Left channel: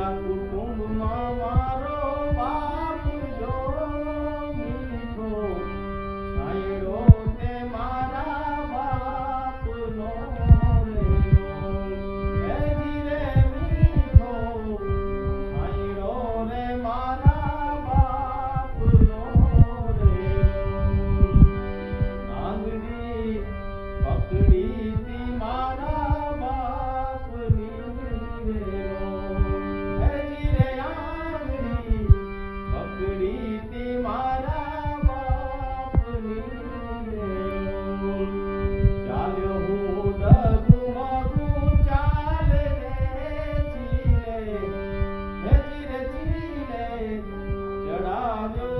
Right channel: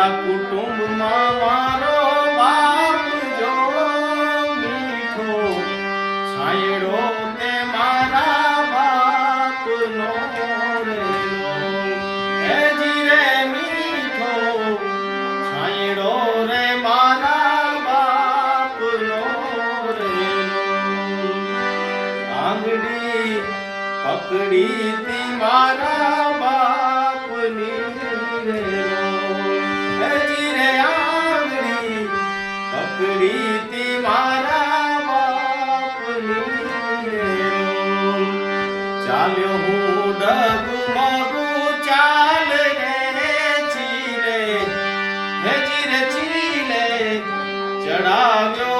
મારા કુટુંબમાં મારો બાપ જો મીઠો છાંયડો તે મારા બાપનો રેલો હે જીરે મીઠો છાંયડો રે મારા બાપનો રેલો આંગળી પકડી તી મારા બાપની રેલો હે જીરે આંગળી પકડી તી મારા બાપની રેલો ચાલ્યો હું ડગમગું ચાલ રે ચીલે હે જીરે ચીલે ચડાવ્યો